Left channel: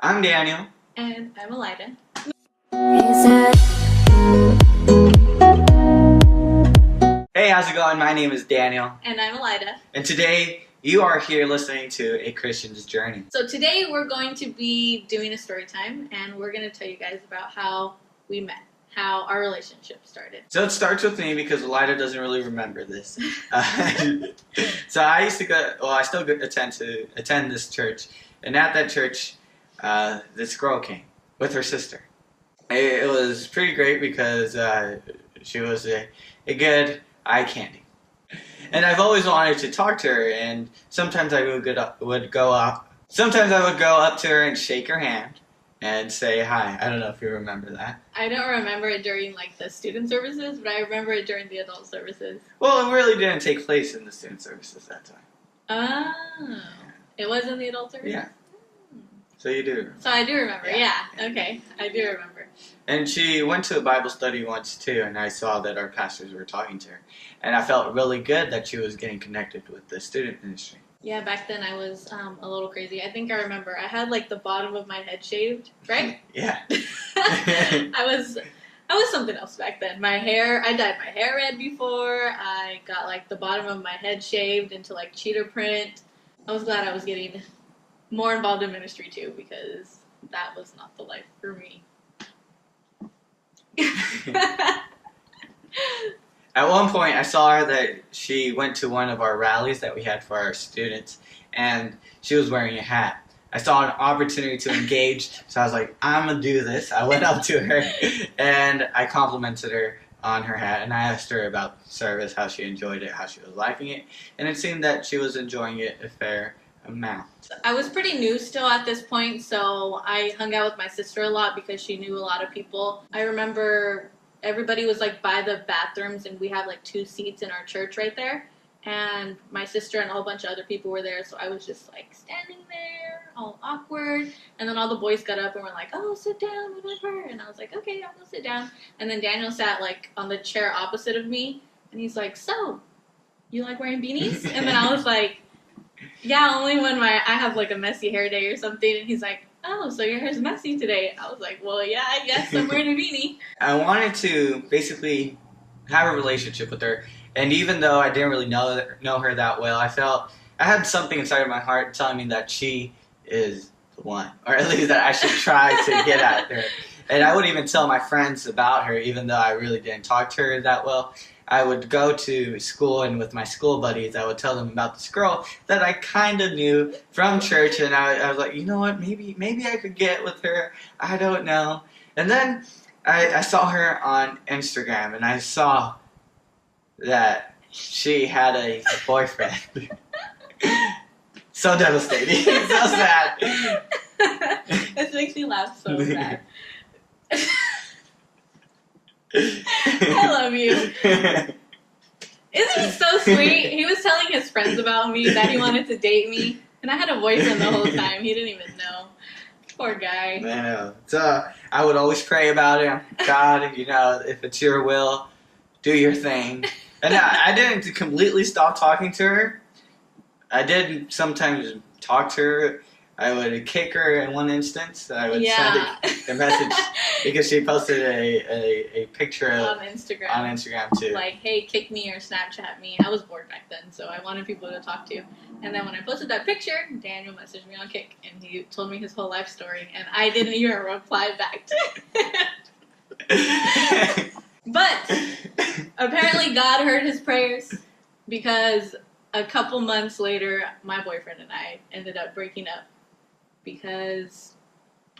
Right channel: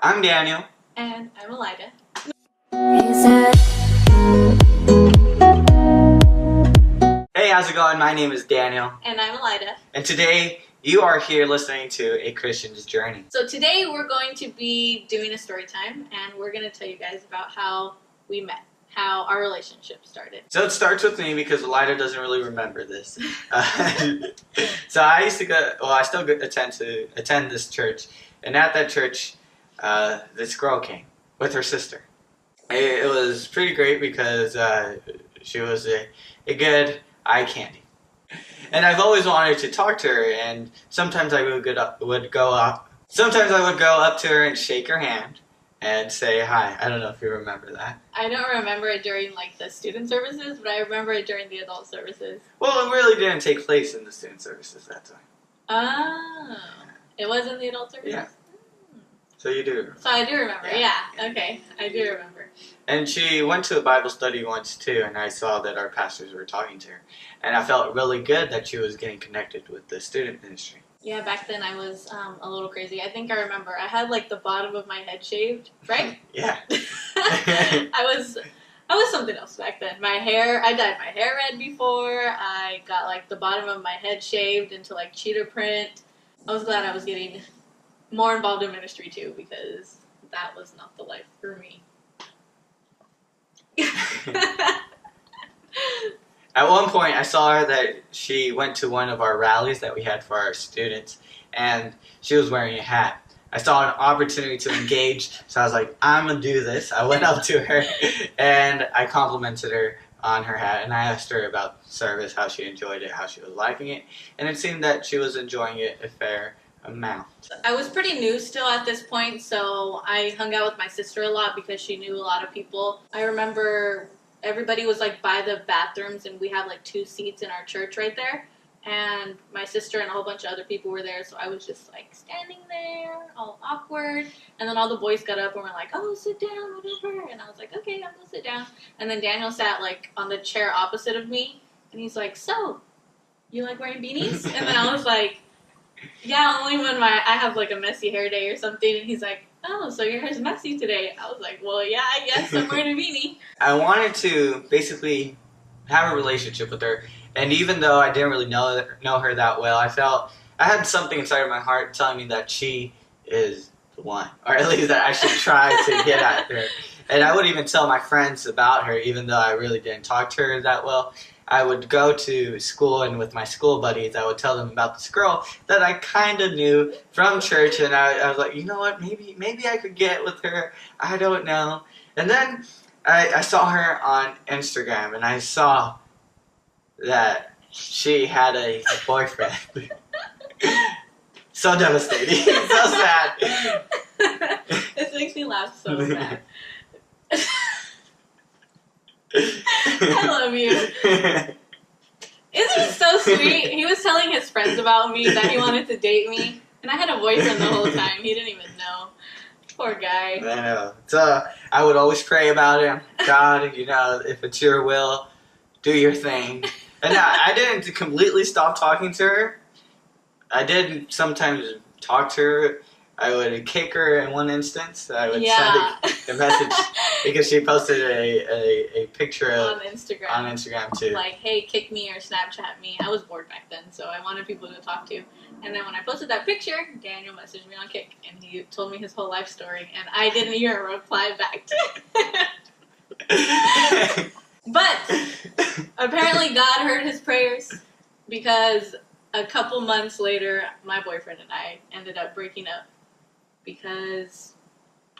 I'm Daniel. And I'm Alyda. Hey, how's it going? My name is Daniel. And I'm Alyda. And today you are here listening to A Christian's Journey. So today we're going to be doing a story time, and we're going to tell you guys about how we met, how our relationship started. So it starts with me because Alyda doesn't really remember this. So I used to go, well, I still attend this church. And at that church, this girl came with her sister. It was pretty great because she was a good eye candy. And I've always wanted to talk to her, and sometimes I would go up to her and shake her hand and say hi. I don't know if you remember that. I don't remember it during like the student services, but I remember it during the adult services. Well, it really didn't take place in the student services that time. Oh. It was in the adult services? Yeah. So you do remember. So I do remember, yeah. Okay, I do remember. And she went to a Bible study once too, and I saw that our pastors were talking to her. And I felt really good that she was getting connected with the student ministry. Yeah, back then I was a little crazy. I think I remember. I had like the bottom of my head shaved, right? Yeah. I was something else back then. My hair, I dyed my hair red before. I got like the bottom of my head shaved into like cheetah print. I was glad I was getting more involved in ministry too, because that was not the life for me. At one point, I saw her that she went to one of our rallies that we had for our students, and she was wearing a hat. I saw an opportunity to engage, so I was like, I'm going to do this. I went up to her, and I complimented her on her hat, and I asked her about service, how she enjoyed it, how she was liking it, and it seemed that she was enjoying it a fair amount. I was pretty new still at this point, so I hung out with my sister a lot because she knew a lot of people. I remember everybody was like by the bathrooms, and we have like 2 seats in our church right there, and my sister and a whole bunch of other people were there, so I was just like standing there all awkward, and then all the boys got up and were like, oh, sit down, whatever, and I was like, okay, I'm gonna sit down. And then Daniel sat like on the chair opposite of me, and he's like, so you like wearing beanies? And then I was like, yeah, only when I have like a messy hair day or something. And he's like, oh, so your hair's messy today. I was like, well, yeah, I guess I'm wearing a beanie. I wanted to basically have a relationship with her, and even though I didn't really know her that well, I felt I had something inside of my heart telling me that she is the one, or at least that I should try to get at her. And I would even tell my friends about her, even though I really didn't talk to her that well. I would go to school, and with my school buddies, I would tell them about this girl that I kind of knew from church, and I was like, you know what, maybe I could get with her. I don't know. And then I saw her on Instagram, and I saw that she had a boyfriend. So devastating. So sad. This makes me laugh so bad. I love you. Isn't he so sweet? He was telling his friends about me, that he wanted to date me, and I had a boyfriend the whole time. He didn't even know. Poor guy. I know. So I would always pray about him. God, if it's your will, do your thing. And I didn't completely stop talking to her. I did sometimes talk to her. I would kick her in one instance. I would send a message because she posted a picture on Instagram. On Instagram too. Like, hey, kick me or Snapchat me. I was bored back then, so I wanted people to talk to. And then when I posted that picture, Daniel messaged me on Kik, and he told me his whole life story, and I didn't even reply back to it. But apparently God heard his prayers, because a couple months later, my boyfriend and I ended up breaking up. Because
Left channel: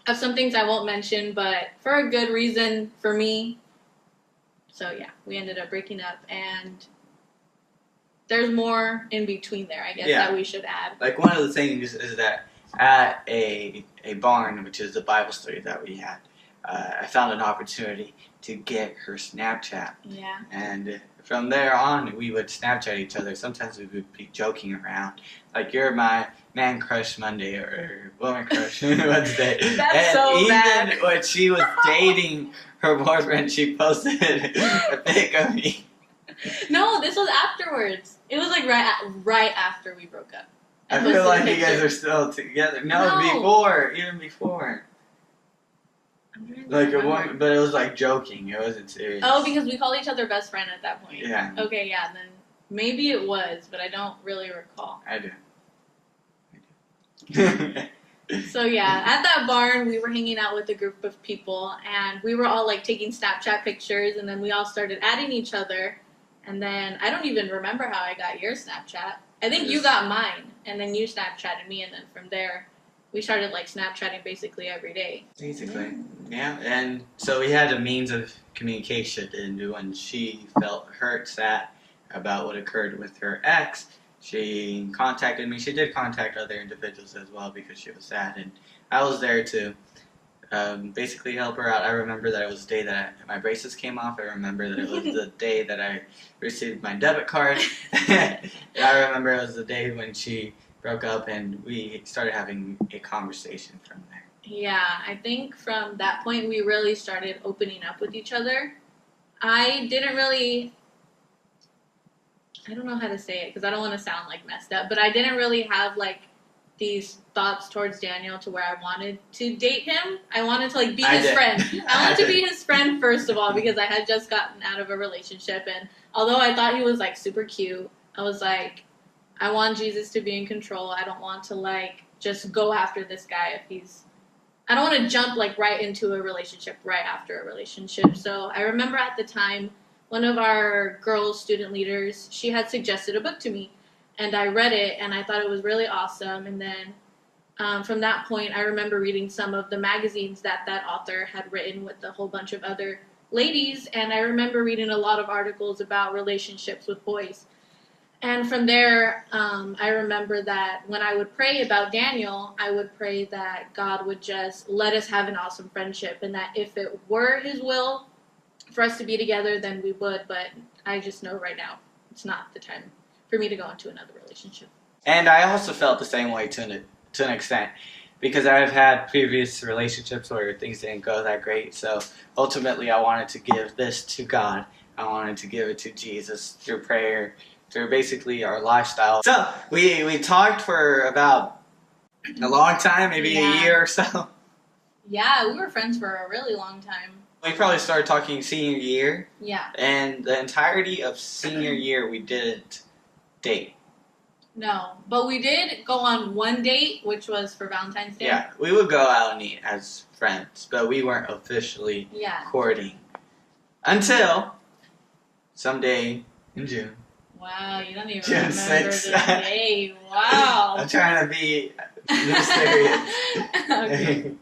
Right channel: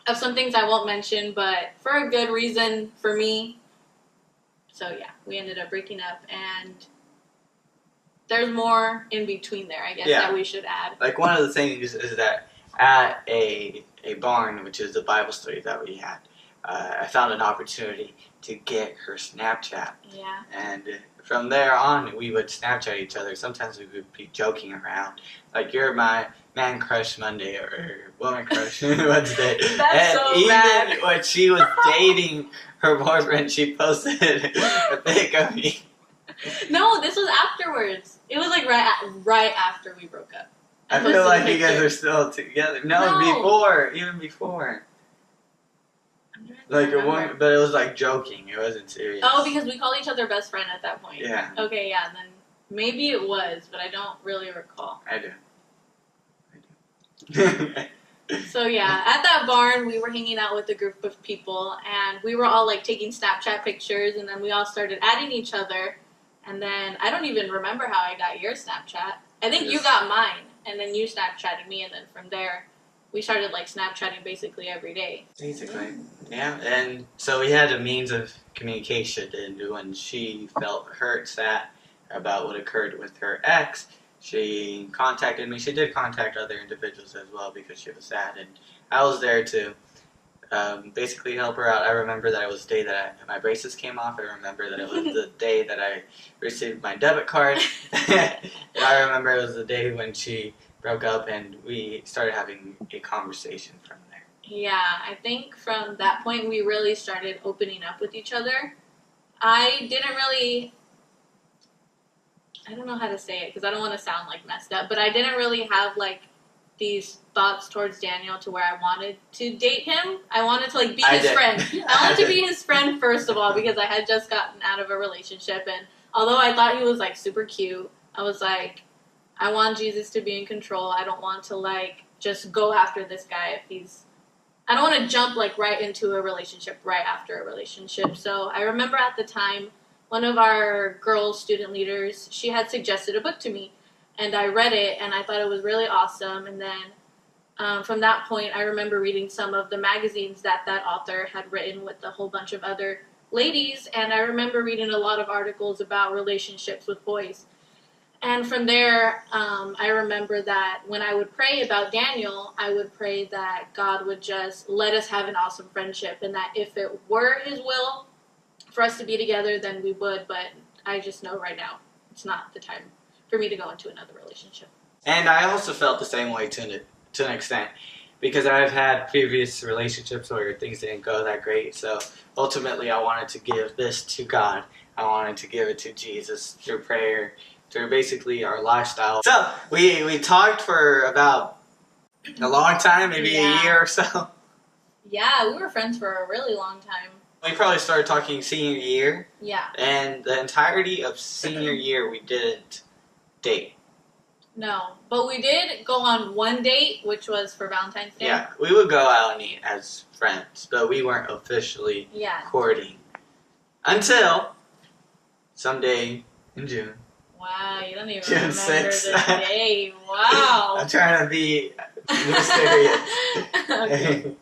of some things I won't mention, but for a good reason for me. So yeah, we ended up breaking up, and there's more in between there, I guess, that we should add. Like, one of the things is that at a barn, which is the Bible study that we had, I found an opportunity to get her Snapchat. Yeah. And from there on, we would Snapchat each other. Sometimes we would be joking around. Like, you're my man crush Monday or woman crush Wednesday. That's and so even bad. when she was dating her boyfriend, she posted a pic of me. No, this was afterwards. It was like right after we broke up. I feel like you guys are still together. No, even before. Like but it was like joking. It wasn't serious. Oh, because we called each other best friend at that point. Yeah. Okay, yeah, then maybe it was, but I don't really recall. I do. So yeah, at that barn, we were hanging out with a group of people, and we were all like taking Snapchat pictures, and then we all started adding each other, and then I don't even remember how I got your Snapchat. I think you got mine, and then you Snapchatted me, and then from there, we started like Snapchatting basically every day. Basically, yeah. And so we had a means of communication, and when she felt hurt, sad about what occurred with her ex, she contacted me. She did contact other individuals as well because she was sad, and I was there to basically help her out. I remember that it was the day that my braces came off. I remember that it was the day that I received my debit card. And I remember it was the day when she broke up, and we started having a conversation from there. Yeah, I think from that point we really started opening up with each other. I don't know how to say it because I don't want to sound like messed up, but I didn't really have like these thoughts towards Daniel to where I wanted to date him. I wanted to like be his friend. I wanted to be his friend first of all because I had just gotten out of a relationship, and although I thought he was like super cute, I was like, I want Jesus to be in control. I don't want to like just go after this guy I don't want to jump like right into a relationship right after a relationship. So I remember at the time, one of our girls' student leaders, she had suggested a book to me, and I read it, and I thought it was really awesome. And then from that point, I remember reading some of the magazines that author had written with a whole bunch of other ladies, and I remember reading a lot of articles about relationships with boys. And from there, I remember that when I would pray about Daniel, I would pray that God would just let us have an awesome friendship, and that if it were his will for us to be together, then we would, but I just know right now it's not the time for me to go into another relationship. And I also felt the same way to an extent, because I've had previous relationships where things didn't go that great, so ultimately I wanted to give this to God. I wanted to give it to Jesus through prayer, through basically our lifestyle. So we talked for about a long time, maybe a year or so. Yeah, we were friends for a really long time. We probably started talking senior year. Yeah. And the entirety of senior year, we didn't date. No, but we did go on one date, which was for Valentine's Day. Yeah, we would go out and eat as friends, but we weren't officially courting. Until someday in June. Wow, you don't even June remember 6th. the day. Wow. I'm trying to be mysterious. Okay.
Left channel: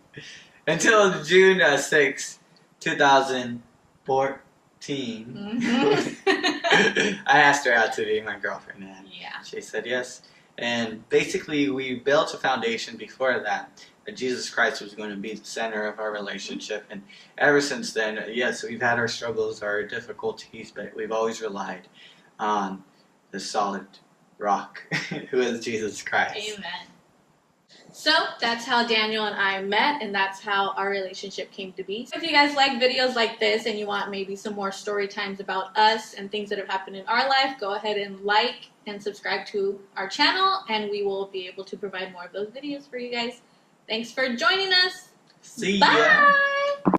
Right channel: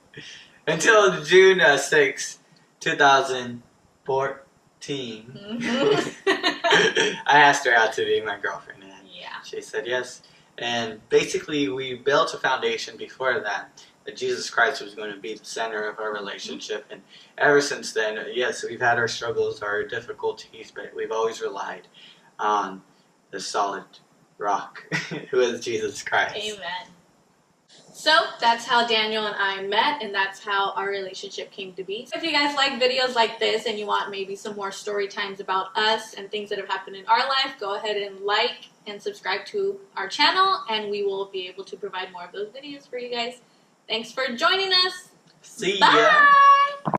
Until June 6th, 2014. I asked her out to be my girlfriend, and she said yes. And basically, we built a foundation before that Jesus Christ was going to be the center of our relationship. And ever since then, yes, we've had our struggles, our difficulties, but we've always relied on the solid rock, who is Jesus Christ. Amen. So that's how Daniel and I met, and that's how our relationship came to be. So if you guys like videos like this and you want maybe some more story times about us and things that have happened in our life, go ahead and like and subscribe to our channel, and we will be able to provide more of those videos for you guys. Thanks for joining us. See ya. Bye.